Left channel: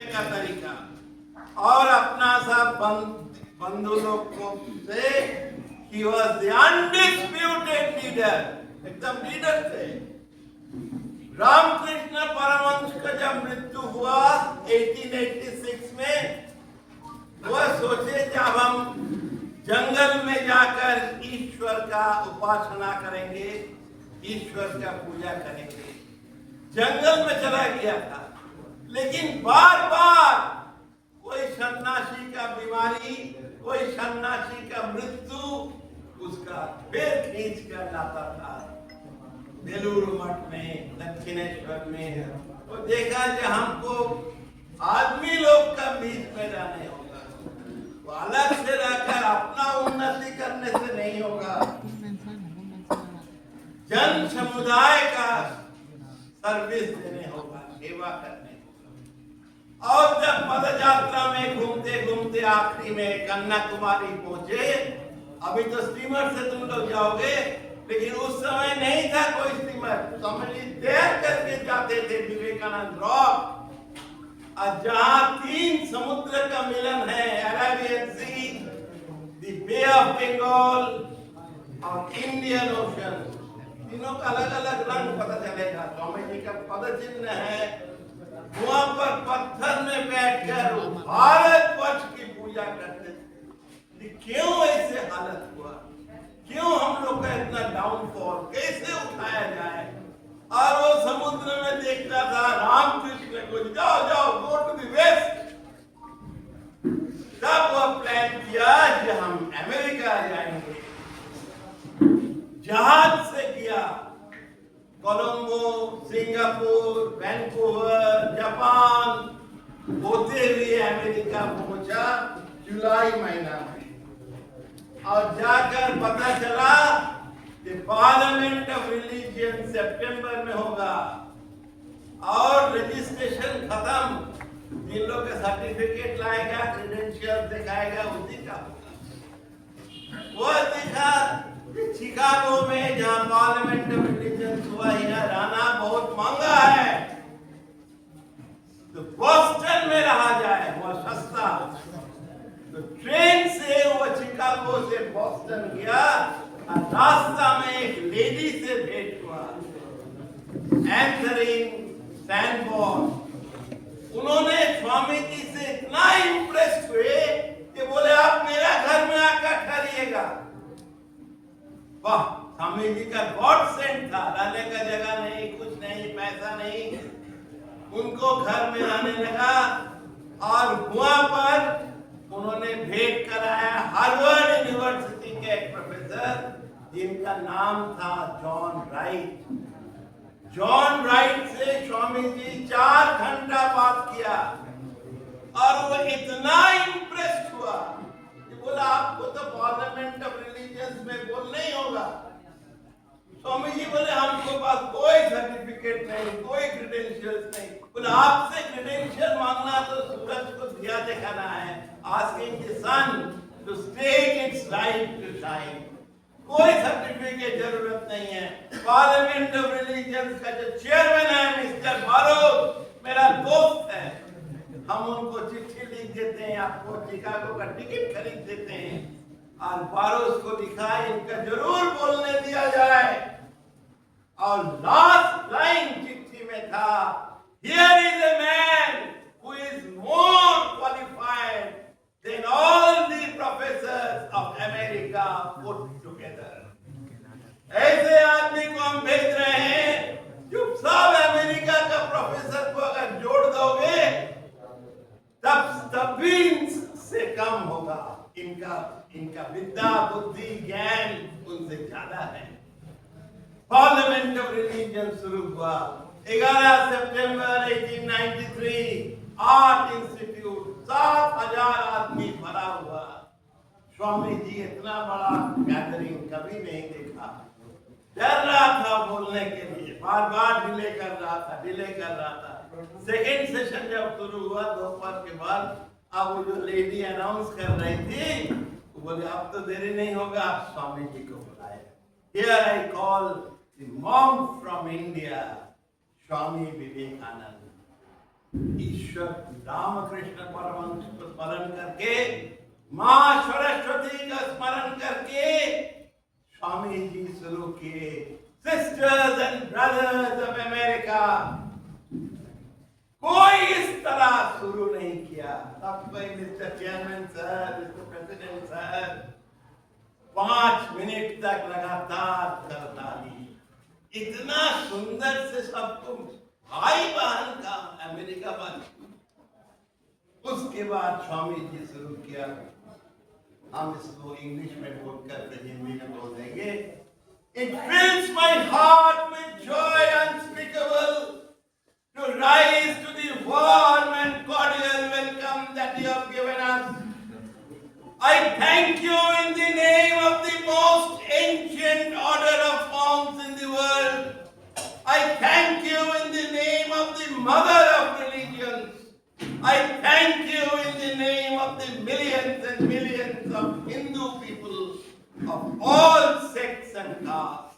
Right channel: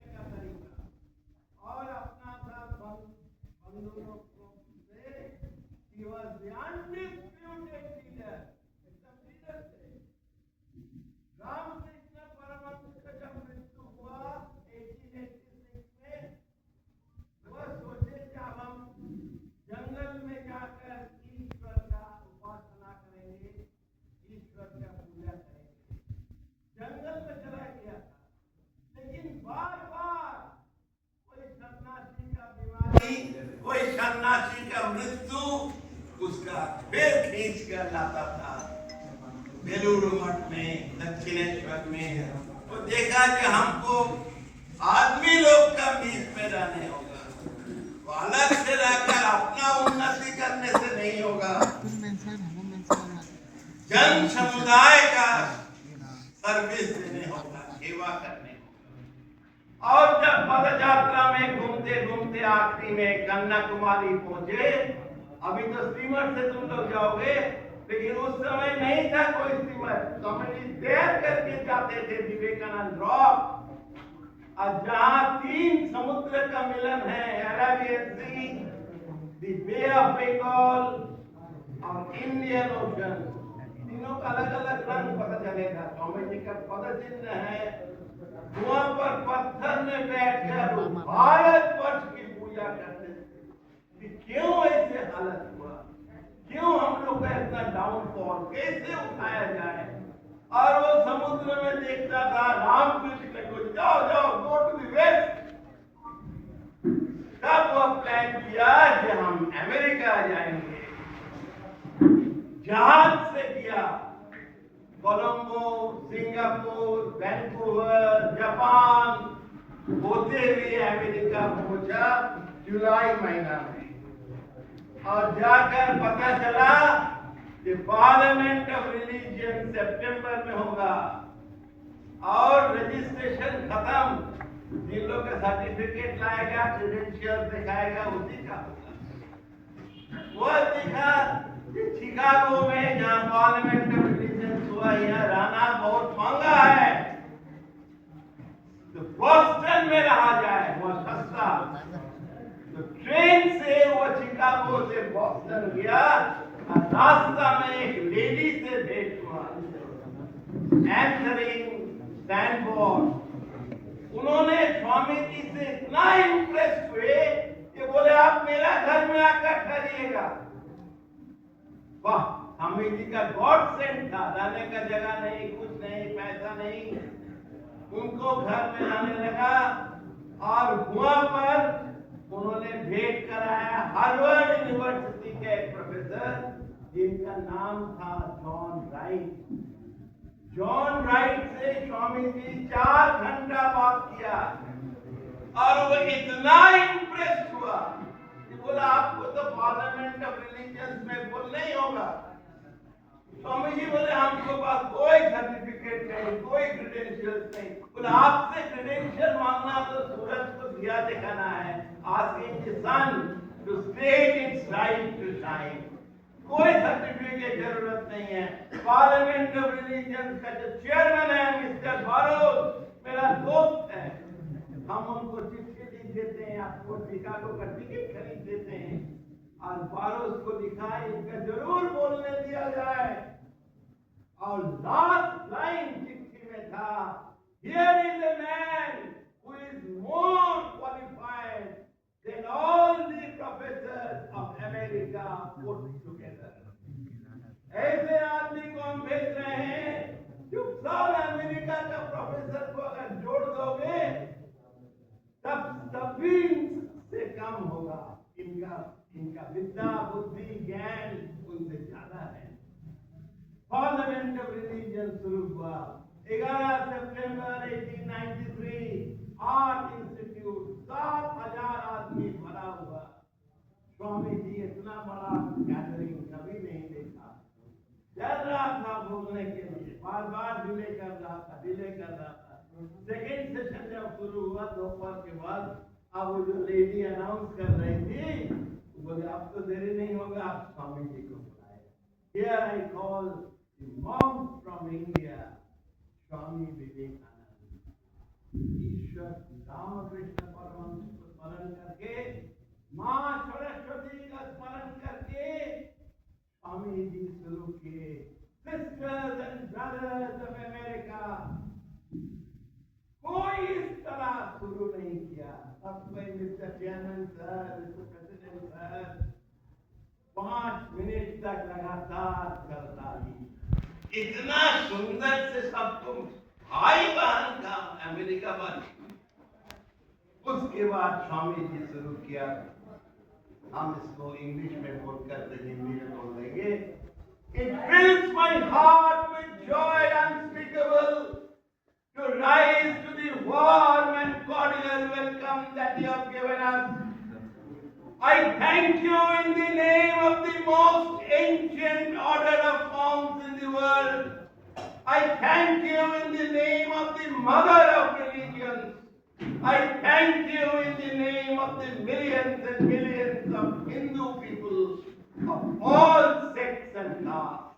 का तरीका और अपना सब बंधु लोग को से he was the undisputed leader, एकदम लीडर थे। रामकृष्ण परमहंस का जब मृत्यु हुआ 1886 में, वह सोचे जब हम जंगल में जाकर ईश्वर का उपासना करेंगे, ईश्वर का पूजा करेंगे। जंगल में चला गया था, लेकिन बार बार कोई सन्यासी का बीमारी, कोई सन्यासी का मृत्यु उसका फिर खींच कर लाता था। बेलूर मठ में, दक्षिणेश्वर में, वो देखा कि हमको आदमी लोग का बीच में रहने होगा, तो अलग से रहकर अपना उन्नति करने से नहीं होगा, जन समुदाय का सर्विस देने होगा, सेवा करने होगा। और जब पद यात्रा में घूमते घूमते आखिरी में कन्याकुमारी पहुंचे, अभी तो स्टीमर से तुम लोग जाओगे, लेकिन उस समय नहीं था कोई स्टीमर, समझी तैर करके जाते थे विवेकानंद रॉक, और जहां 3 समुद्र का मिलन है, Arabian sea, the bay of Bengal और इंडियन ओशन, तीनों का अलग अलग रंग पता चलेगा। स्वामी जी का पद चिन्ह है, वहां पर पत्थर में बैठकर भारत वर्ष की पूजा करते थे। क्यों ऐसे हालत हुआ, क्यों हम लोग का इतना डाउनफॉल, कैसे उठाया जाए? और वो समुद्र में देखता था रामकृष्ण को, जाओ जाओ गो टू द वेस्ट। तब वो प्लान किया कि हम अमेरिका जाएंगे, जहाज से किया, कोलंबो, सिंगापुर, वैंकूवर, जापान होते हुए अमेरिका पहुंचा जुलाई महीना में, और जाकर पता चला कि पार्लियामेंट ऑफ रिलीजियन सितंबर में होगा, और रजिस्ट्रेशन खत्म, जिन लोग का सर्टिफिकेट लाएगा, क्रेडेंशियल दिखाएगा, उसी का होगा। वो दिखा शिकागो में, जहां पार्लियामेंट ऑफ रिलीजियन हुआ, यहाँ रहना बहुत महंगा है, तो बॉस्टन में रहा जाए, बहुत सस्ता। तो ट्रेन से वो शिकागो से बॉस्टन गया, और रास्ता में एक लेडी से भेंट हुआ, एंथरिंग सैनफोर्ड। उन्होंने स्वामी जी से इतना इंप्रेस हुए कि बोले आप मेरा घर में आकर ठहरिएगा। वाह, स्वामी जी का गॉड सेंट था, रहने का जगह नहीं, कुछ नहीं, पैसा नहीं, उनको घर में आने लगा। और वहां पर उन्होंने भेंट कराया हार्वर्ड यूनिवर्सिटी के एक प्रोफेसर, जिनका नाम था जॉन राइट। जॉन राइट से स्वामी जी 4 घंटा बात किया, और वो इतना इंप्रेस्ड हुआ कि बोला आपको तो पार्लियामेंट ऑफ रिलीजियंस में बोलना ही होगा। स्वामी जी बोले हमको पास कोई सर्टिफिकेट नहीं, कोई क्रेडेंशियल्स नहीं। बोले आपसे क्रेडेंशियल मांगना तो सूरज को दिया दिखाना है, asking the sun to state its right to shine. कोई सर्टिफिकेट जरूरत नहीं है। पार्लियामेंट ऑफ रिलीजियंस का जो चेयरमैन है मिस्टर बारोज, मेरा दोस्त है, हम उनको चिट्ठी लिख देते हैं, आपको शिकागो का टिकट खरीद देते हैं, और बारोज को लिखा इनका जरूर बोलने दिया जाए। और लास्ट लाइन चिट्ठी में था, here is a man who is more qualified than all the professors of America put together. ऐसे आदमी को हम भेज रहे हैं जो सब अमेरिका का प्रोफेसर को अगर जोड़ दोगे तब भी से कम होगा। इनका विद्या, बुद्धि, ज्ञान उनसे ज्यादा है। पार्लियामेंट ऑफ रिलीजियन शुरू हुआ 11 सितंबर 1893। आर्ट इंस्टीट्यूट 7,000 आदमी भरा हुआ। स्वामी जी इतना बड़ा गैदरिंग कभी नहीं देखा, डर रहा था बोलने के लिए, बार बार डिले कर रहा था। सेकेंड सेशन जब शुरू हुआ दोपहर के बाद, अब वो जो लेडी अनाउंस कर रही थी, वो बोले अब तो देरी नहीं होगा, आप स्वामी जी को बुलाए। Here I call the monk from India, Swami Vivekananda. ईश्वर रामकृष्ण परमहंस को स्मरण करके, मां सरस्वती का स्मरण करके स्वामी जी शुरू किए। Sisters and brothers of America, कोई इस तरह शुरू नहीं किया। सब कोई mister chairman sir, mister president sir 5 minute तक लगातार करता ही। इतना सुंदर से सबको भाई बहन का अमेरिका बन। उसके बाद स्वामी जी शुरू किया। हम इसको इंग्लिश में बोल कर हिंदी में बोल देंगे। It fills my heart with joy unspeakable to rise to the warm and cordial welcome that you have given us. I thank you in the name of the most ancient order of monks in the world. I thank you in the name of the mother of religions. I thank you in the name of the millions and millions of Hindu people of all sects and castes.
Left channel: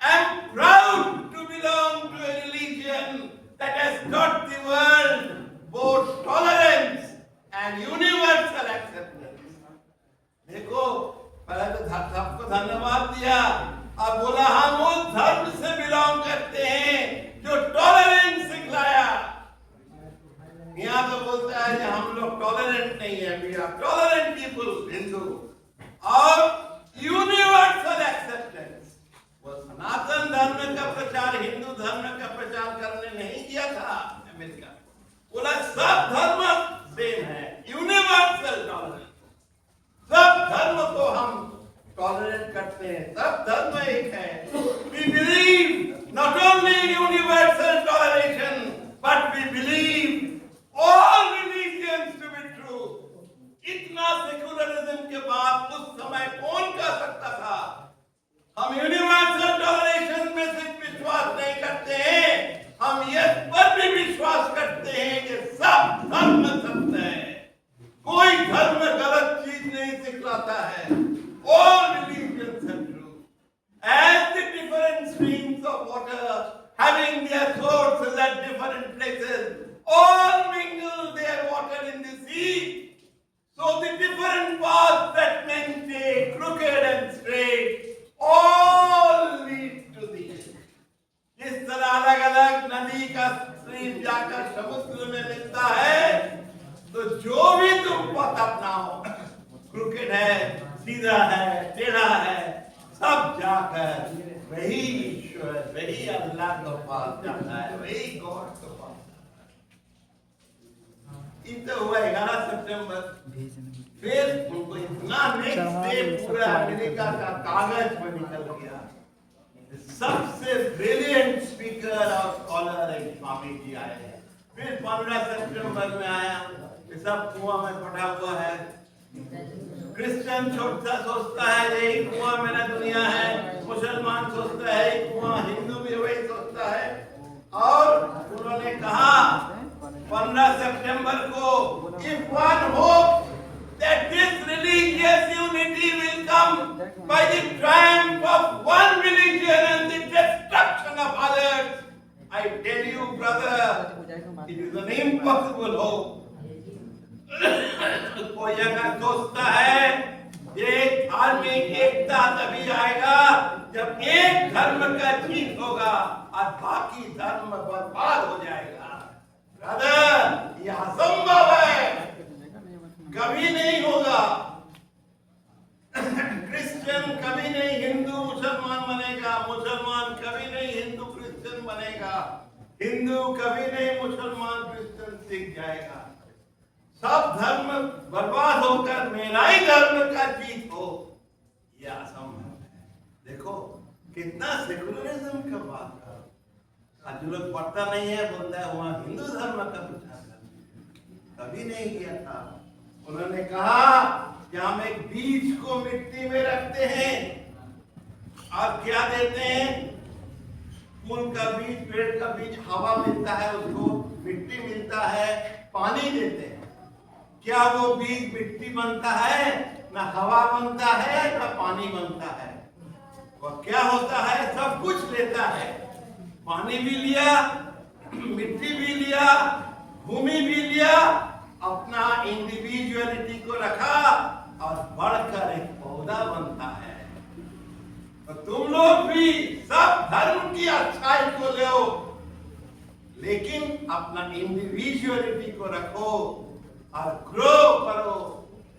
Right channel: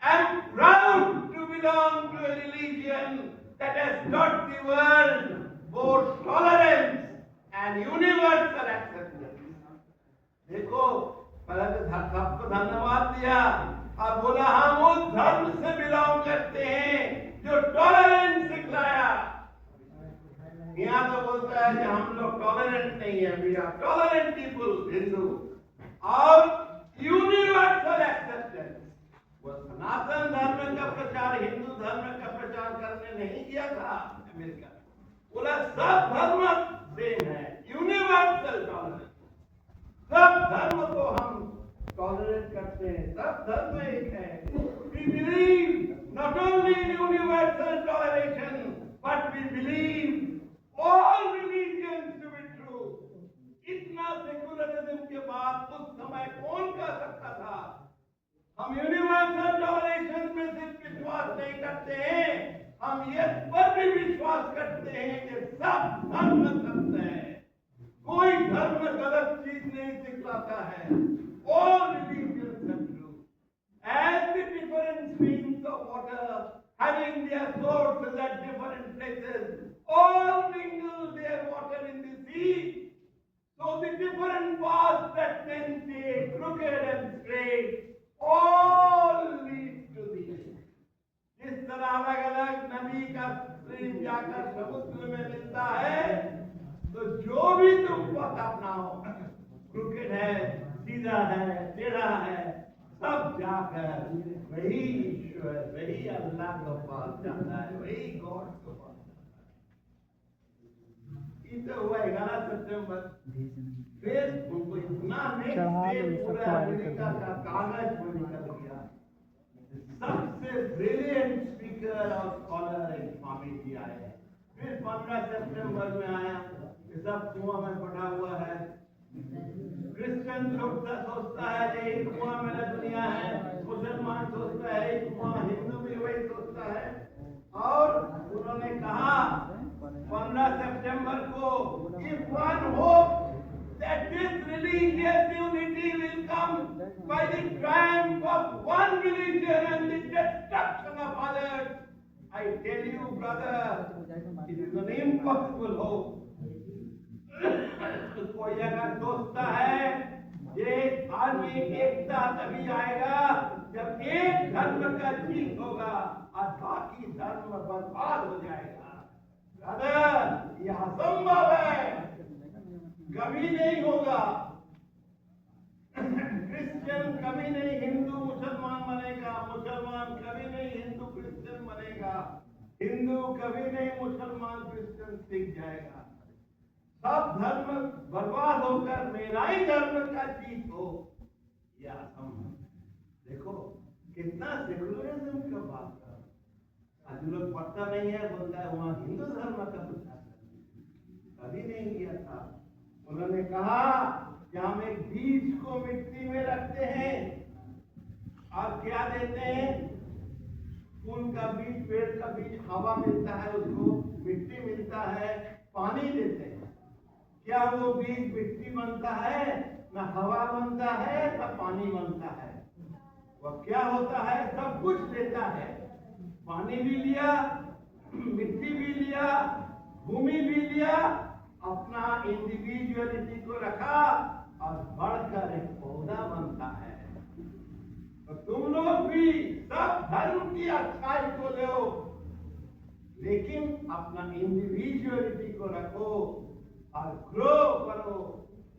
I am proud to belong to a religion that has taught the world both tolerance and universal acceptance. देखो, पहले तो सबको धन्यवाद दिया और बोला हम उस धर्म से बिलोंग करते हैं जो टॉलरेंस सिखलाया। यहाँ तो बोलता है कि हम लोग टॉलरेंट नहीं है, we are tolerant people Hindu. और यूनिवर्सल एक्सेप्टेंस, वो सनातन धर्म का प्रचार, हिंदू धर्म का प्रचार करने नहीं किया था अमेरिका। बोला सब धर्म सेम है, यूनिवर्सल टॉलरेंस। सब धर्म को हम टॉलरेट करते हैं, सब धर्म एक है। We believe not only universal toleration, but we believe all religions to be true. इतना सेकुलरिज्म के बाद उस समय कौन कह सकता था हम यूनिवर्सल टॉलरेशन में सिर्फ विश्वास नहीं करते हैं, हम ये पर भी विश्वास करते हैं कि सब धर्म सत्य है, कोई धर्म गलत चीज नहीं सिखलाता है। All religions are true. As the different streams of water having their sources at different places all mingle their water in the sea, so the different paths that men take, crooked and straight, all lead to thee. जिस तरह अलग अलग नदी का stream जाकर समुद्र में मिलता है, तो जो भी तुम पथ अपनाओ, क्रूकेड है, सीधा है, टेढ़ा है, सब जाकर वही ईश्वर, वही अल्लाह के पास जाता है, वही गॉड के पास। इतना हुआ 11 सितंबर। फिर उनको इतना नेक्स्ट डे पूरा अमेरिका का कागज में निकल गया। सबसे ब्रिलियंट स्पीकर और स्कॉलर एक स्वामी जी आए। फिर 15 सितंबर में आया, सब कुआं में पड़ा हुआ है। क्रिश्चियन सोचता है यही कुआं मेरा दुनिया है, मुसलमान सोचता है यही कुआं, हिंदू भी वही सोचता है। और उन्होंने कहा 15 सितंबर को, if one hopes that this religious unity will come by the triumph of one religion and the destruction of others, I tell you brother, it is an impossible hope. कोई अगर सोचता है ये धार्मिक एकता तभी आएगा जब एक धर्म का जीत होगा और बाकी धर्म बर्बाद हो जाएगा। ब्रदर, यह असंभव है, कभी नहीं होगा। क्रिश्चियन कभी नहीं हिंदू मुसलमान बनेगा, मुसलमान कभी नहीं हिंदू क्रिश्चियन बनेगा, हिंदू कभी नहीं मुसलमान क्रिश्चियन सीख जाएगा। सब धर्म बर्बाद होकर मेरा ही धर्म का जीत हो, यह असंभव है। देखो कितना सेकुलरिज्म का बात कर, आज लोग पढ़ता नहीं है, बोलता है वहां हिंदू धर्म का प्रचार कर, कभी नहीं किया था। उन्होंने कहा कि हम एक बीज को मिट्टी में रखते हैं और क्या देते हैं, फूल का बीज, पेड़ का बीज, हवा मिलता है उसको, मिट्टी मिलता है, पानी देते हैं। क्या वो बीज मिट्टी बनता है? ना हवा बनता है ना पानी बनता है। और क्या होता है, सब कुछ लेता है, पानी भी लिया, मिट्टी भी लिया, भूमि भी लिया, अपना इंडिविजुअलिटी को रखा और बढ़कर एक पौधा बनता है। तो तुम लोग भी सब धर्म की अच्छाई को ले, लेकिन अपना इंडिविजुअलिटी को रखो और ग्रो करो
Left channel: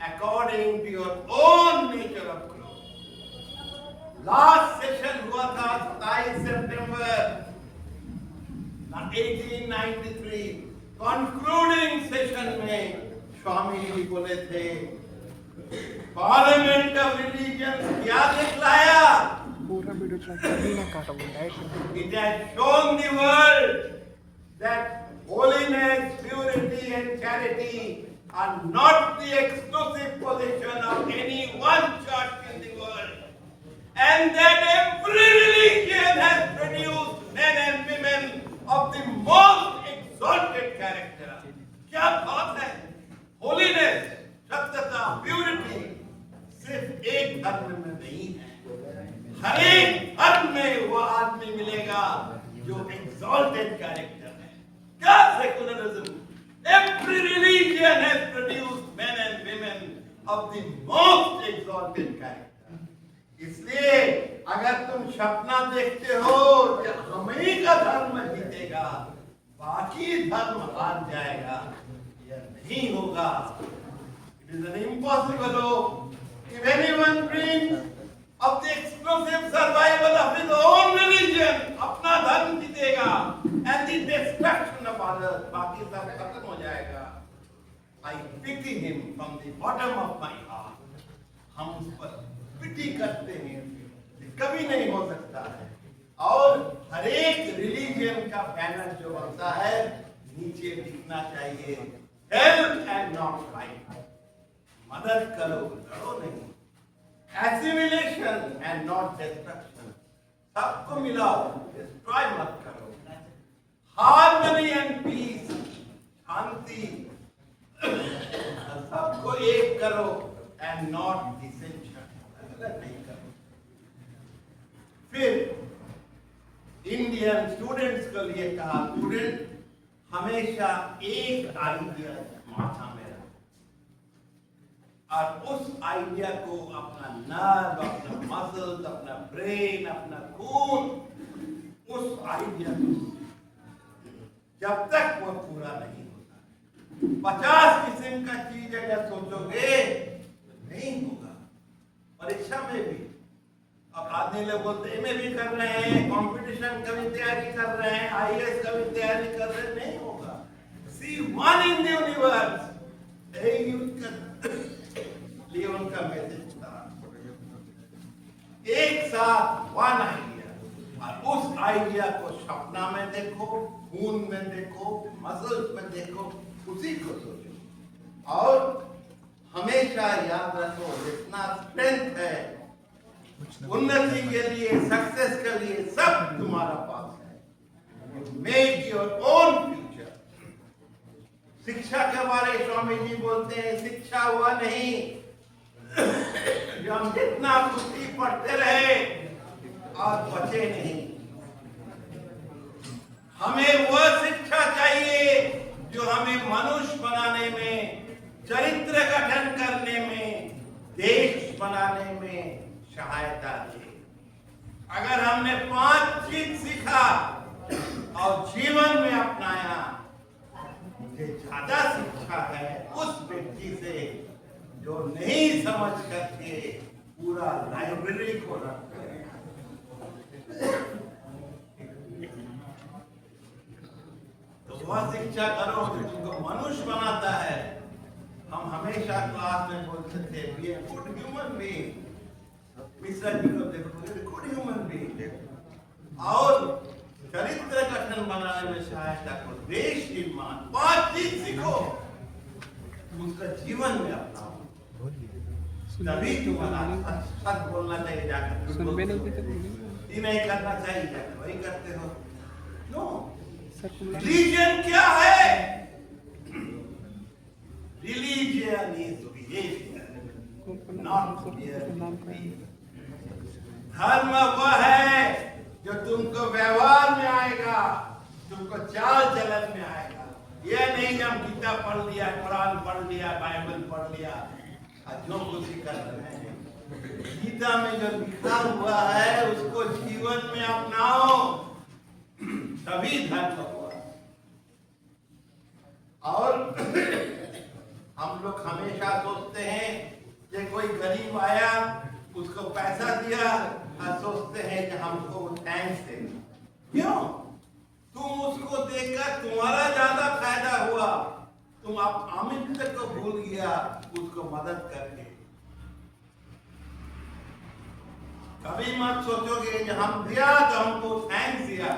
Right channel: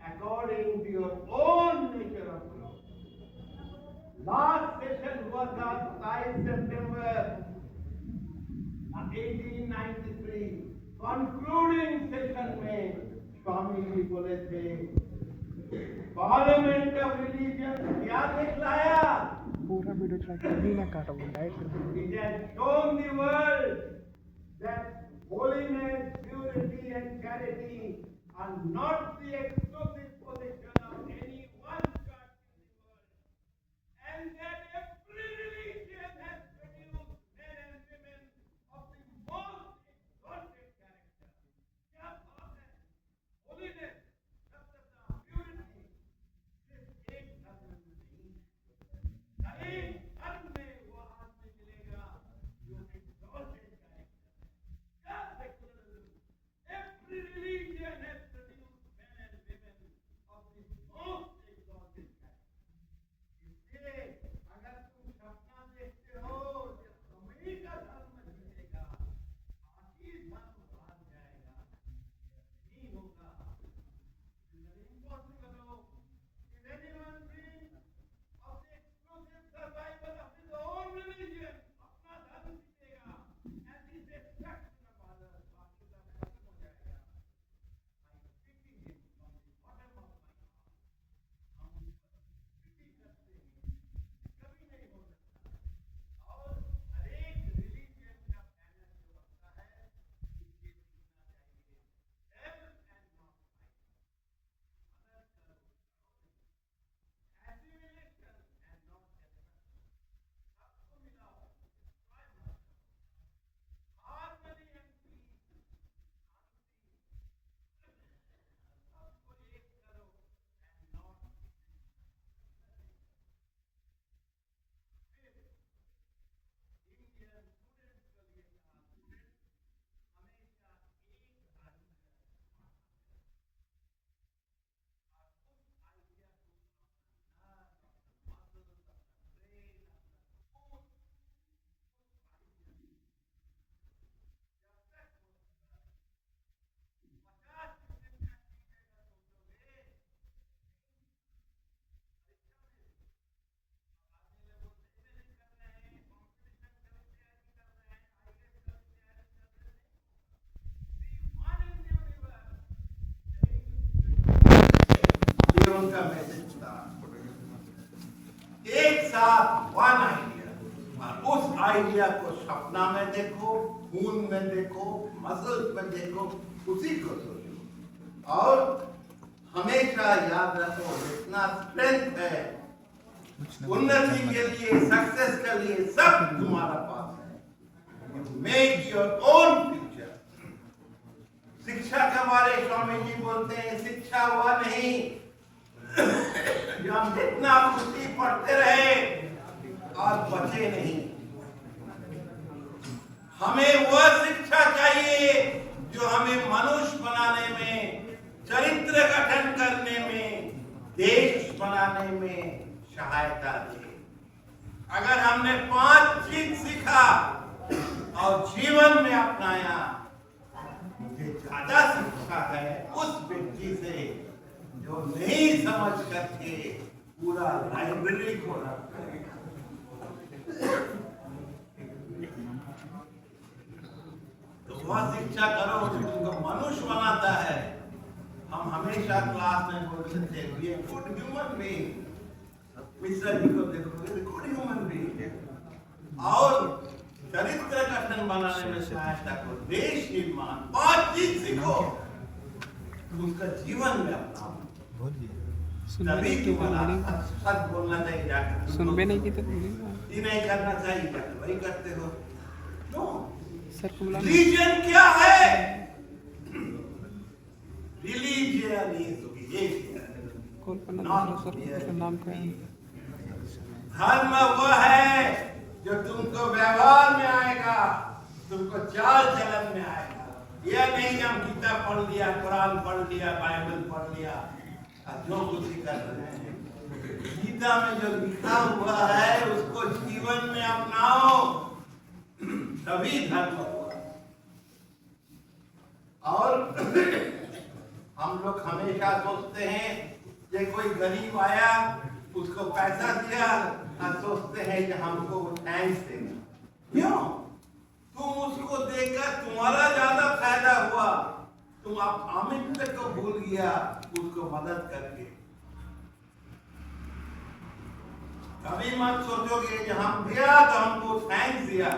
according to your own nature of grow. Last session हुआ था 27 सितंबर 1893। कंक्लूडिंग सेशन में स्वामी जी बोले थे, पार्लियामेंट ऑफ रिलीजन क्या दिखलाया? पूरा वीडियो चला अभी ना काटा वो direct. It has shown the world that holiness, purity and charity are not the exclusive possession of any one church in the world, and that every religion has produced men and women of the most exalted character. क्या बात है! Holiness, सत्यता, purity सिर्फ एक धर्म में नहीं है, हर एक धर्म में वो आदमी मिलेगा जो exalted character है। क्या secularism? Every religion has produced men and women of the most exalted character. इसलिए अगर तुम सपना देखते हो कि हम ही का धर्म जीतेगा, बाकी धर्म हार जाएगा, यह नहीं होगा। It is an impossible hope. If anyone dreams of the exclusive survival of his own religion, अपना धर्म जीतेगा, and the destruction of others, बाकी सब खत्म हो जाएगा। I pity him from the bottom of my heart. हम उस पर पिटी करते हैं, कभी नहीं हो सकता है। और हर एक रिलीजन का बैनर जो बनता है नीचे लिखना चाहिए, help and not fight. मदद करो, लड़ो नहीं। Assimilation and not destruction. सबको मिलाओ, destroy मत करो। Harmony and peace, शांति, सबको एक करो and not dissension, अलग नहीं करो। फिर इंडियन स्टूडेंट्स के लिए कहा, स्टूडेंट हमेशा एक आइडिया माथा में रखो और उस आइडिया को अपना नर्व, अपना मसल्स, अपना ब्रेन, अपना खून, उस आइडिया को जब तक वो पूरा नहीं होता, 50 किस्म का चीज अगर सोचोगे नहीं होगा। परीक्षा में भी अब आदमी लोग बोलते हैं भी कर रहे हैं, कंपटीशन का भी तैयारी कर रहे हैं, आईएएस का भी तैयारी कर रहे हैं, नहीं होगा। See one in the universe, Leon का मैसेज था, एक साथ वन आइडिया, और उस आइडिया को सपना में देखो, खून में देखो, मसल्स में देखो, उसी को सोचो। और हमेशा याद रखो, जितना स्ट्रेंथ है उन्नति के लिए, सक्सेस के लिए, सब तुम्हारा पास है। You make your own future. शिक्षा के बारे स्वामी जी बोलते हैं, शिक्षा हुआ नहीं जो हम जितना पुस्तक पढ़ते रहे और बचे नहीं। हमें वह शिक्षा चाहिए जो हमें मनुष्य बनाने में, चरित्र गठन करने में, देश बनाने में सहायता दे। अगर हमने 5 चीज सीखा और जीवन में अपनाया, मुझे ज्यादा शिक्षा है उस व्यक्ति से जो नहीं समझ करके पूरा लाइब्रेरी को रख करेगा। तो वह शिक्षा करो जो तुमको मनुष्य बनाता है। हम हमेशा क्लास में बोलते थे, we are good human being. Mishra ji को देखो, गुड ह्यूमन बीइंग। और चरित्र गठन बनाने में सहायता करो, देश निर्माण, 5 चीज सीखो, उसका जीवन में अपनाओ, तभी तुम्हारा सच बोलना चाहिए। जाकर सुनबे नहीं की तो ये नहीं करना चाहिए, जाकर वही करते हो। नो, सर रिलीजन क्या है? Religion is behaviour, not behaviour. धर्म वह है जो तुमको व्यवहार में आएगा, तुमको चाल चलन में आएगा। यह नहीं हम गीता पढ़ लिया, कुरान पढ़ लिया, बाइबल पढ़ लिया और जो कुछ कर रहे हैं। गीता में जो लिखा हुआ है उसको जीवन में अपनाओ, तभी धर्म हुआ। और हम लोग हमेशा सोचते हैं कि कोई गरीब आया उसको पैसा दिया और सोचते हैं कि हमको थैंक्स देना। क्यों? तुम उसको देकर तुम्हारा ज्यादा फायदा हुआ, तुम आप अमित को भूल गया उसको मदद करके। कभी मत सोचोगे कि हम दिया तो हमको थैंक्स दिया,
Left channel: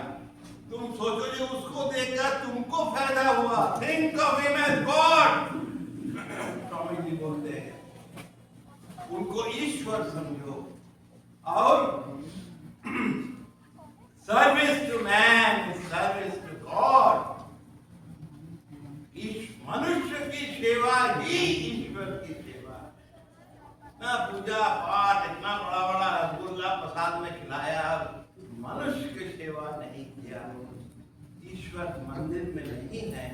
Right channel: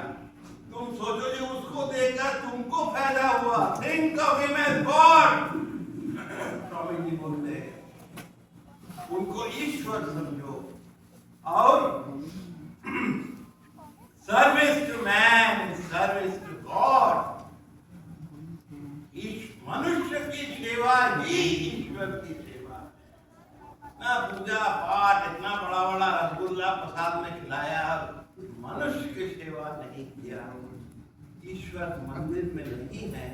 तुम सोचोगे उसको देकर तुमको फायदा हुआ। Think of him as God, Swami ji बोलते हैं, उनको ईश्वर समझो। और service to man, service to God. मनुष्य की सेवा ही ईश्वर की सेवा। ना पूजा पाठ, इतना बड़ा बड़ा रसगुल्ला प्रसाद में खिलाया, मनुष्य की सेवा नहीं किया। ईश्वर मंदिर में नहीं है,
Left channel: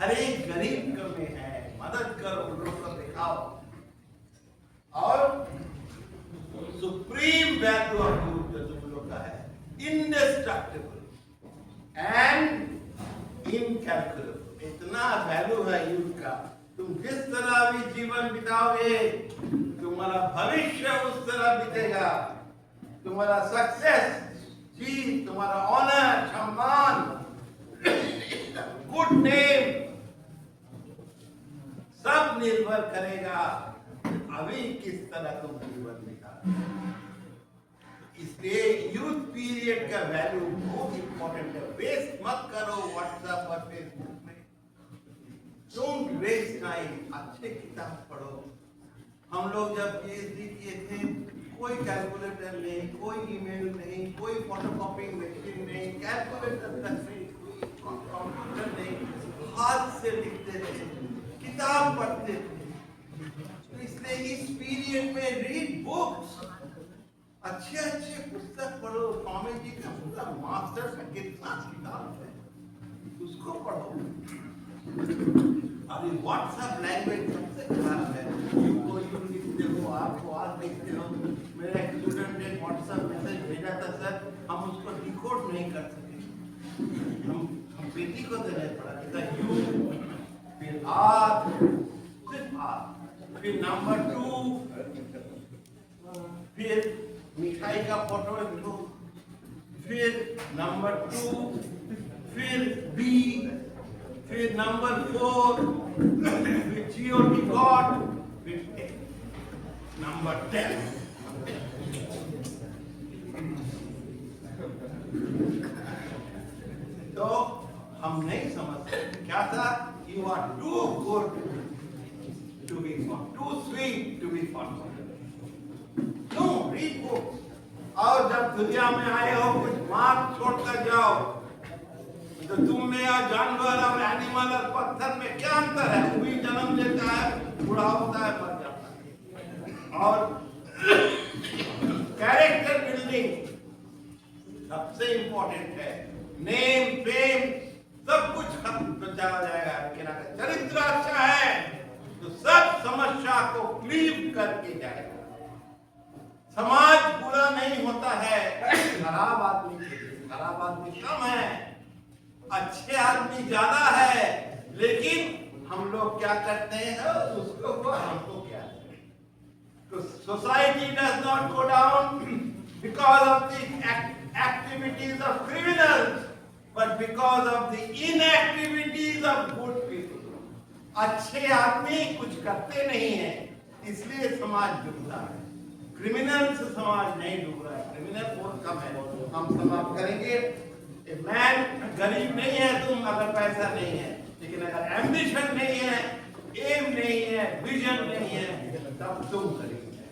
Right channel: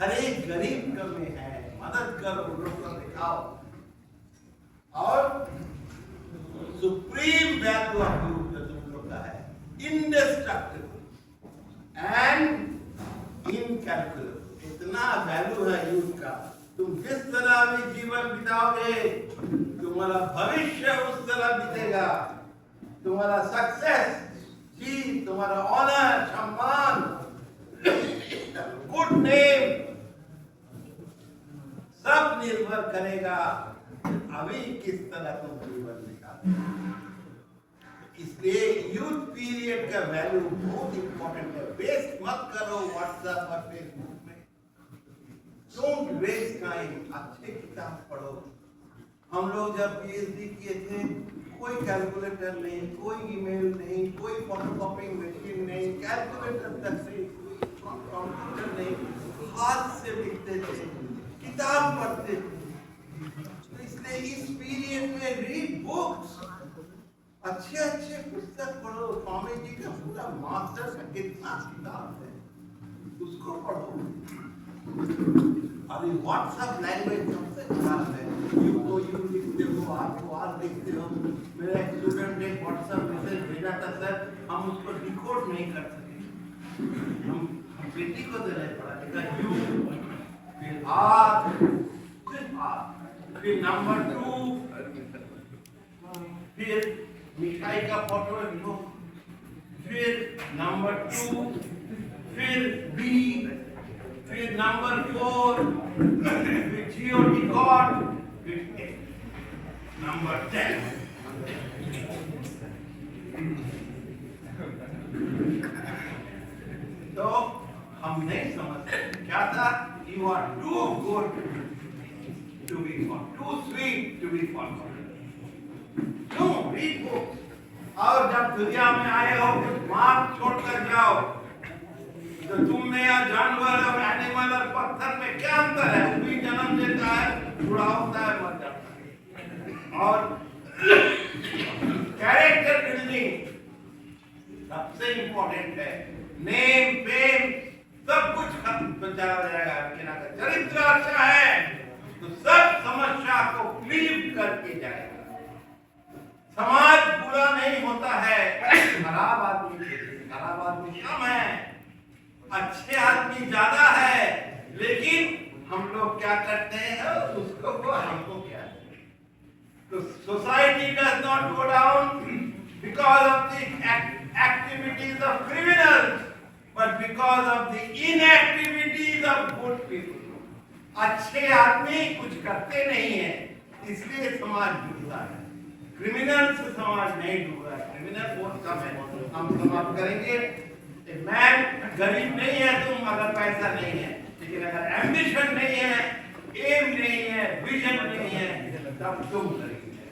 हर एक गरीब में है। मदद करो, लोगों को दिखाओ। और सुप्रीम वैल्यू ऑफ यूथ जो तुम लोग का है, इंडेस्ट्रक्टिबल एंड इनकैलकुलेबल। इतना वैल्यू है यूथ का। तुम जिस तरह भी जीवन बिताओगे, तुम्हारा भविष्य उस तरह बीतेगा। तुम्हारा सक्सेस, जीत, तुम्हारा ऑनर, सम्मान, गुड नेम सब निर्भर करेगा अभी किस तरह तुम जीवन बिताओगे। इसलिए यूथ पीरियड का वैल्यू बहुत इंपॉर्टेंट है। वेस्ट मत करो व्हाट्सएप और फेसबुक में। Don't waste time. अच्छे किताब पढ़ो। हम लोग जब पीएचडी किए थे, कोई कैलकुलेटर नहीं, कोई ईमेल नहीं, कोई फोटोकॉपिंग मशीन नहीं, कैलकुलेटर तक नहीं, कोई कंप्यूटर नहीं, हाथ से लिखते थे, किताब पढ़ते थे। इसलिए इस पीरियड में रीड बुक्स, अच्छे अच्छे पुस्तक पढ़ो। स्वामी जी का पूरा मास्टर का कितना किताब है, उसको पढ़ो। अभी व्हाट्सएप लैंग्वेज सबसे खराब है। यू को यू लिखते हो, आर को आर लिखते हो। मेरा एक स्टूडेंट ने व्हाट्सएप मैसेज भेजा था, सर हम उसको डिकोड नहीं कर सके। हम बेटी को देने पड़ा, लिखा यू, फिर आर, सिर्फ आर, फिर नंबर 2, फिर मिठाई का फोटो लिखो, फिर नंबर 2, फिर बी, फिर नंबर 4, फिर GOT गॉड, फिर नंबर 10। तो हम नहीं समझते क्या था। You are too good to be fun, too sweet to be fun. No, read books. और जब दुनिया में आए हो कुछ मार्क छोड़कर जाओ। तो तुम में या जानवर और एनिमल और पत्थर में क्या अंतर है? वो भी जन्म लेता है, बूढ़ा होता है, मर जाता है। और कैरेक्टर बिल्डिंग सबसे इंपॉर्टेंट है। नेम, फेम सब कुछ खत्म हो जाएगा। चरित्र अच्छा है तो सब समस्या को क्लीव करके जाएगा। समाज बुरा नहीं होता है, खराब आदमी कम है, अच्छे आदमी ज्यादा है। लेकिन हम लोग क्या करते हैं, उसको हमको क्या। तो society does not go down because of the activities of criminals, but because of the inactivities of good people. अच्छे आदमी कुछ करते नहीं है, इसलिए समाज डूबता है। क्रिमिनल से समाज नहीं डूब रहा है, क्रिमिनल बहुत कम है। हम समाप्त करेंगे। मैन गरीब नहीं है तुम अगर पैसा नहीं है, लेकिन अगर एम्बिशन नहीं है, एम नहीं है, विजन नहीं है, तब तुम करेंगे।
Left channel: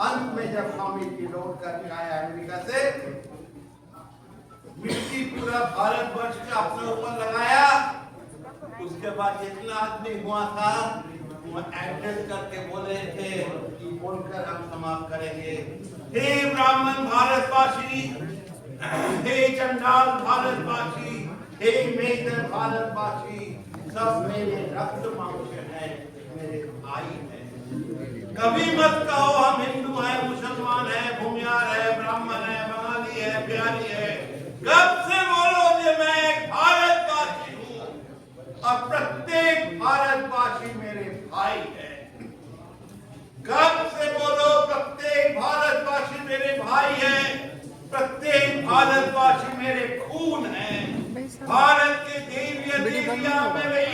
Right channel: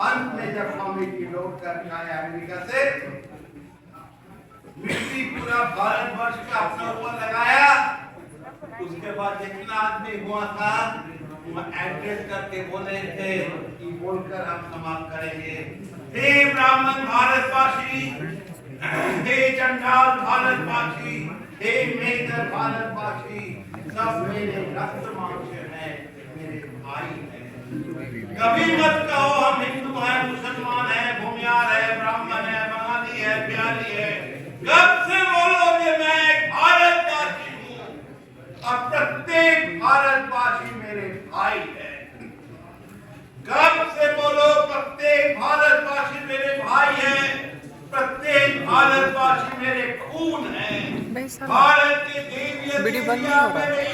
अंत में जब स्वामी जी लौट कर आए अमेरिका से, मिट्टी पूरा भारतवर्ष का अपने ऊपर लगाया। उसके बाद जितना आदमी हुआ था वो एड्रेस करके बोले थे कि बोलकर हम समाप्त करेंगे। हे ब्राह्मण भारतवासी, हे चंडाल भारतवासी, हे मेघर भारतवासी, सब मेरे रक्त मांस है, मेरे भाई है। कभी मत कहो हम हिंदू हैं, मुसलमान हैं, भूमियार है, ब्राह्मण है, बंगाली है, बिहारी है। कब से बोलो कि मैं एक भारतवासी हूँ और प्रत्येक भारतवासी मेरे भाई है। कब से बोलो प्रत्येक भारतवासी मेरे भाई है, प्रत्येक भारतवासी मेरे खून है। भाई साहब, भारत के देवी वीडियो बंद नहीं हो रहा। मेरे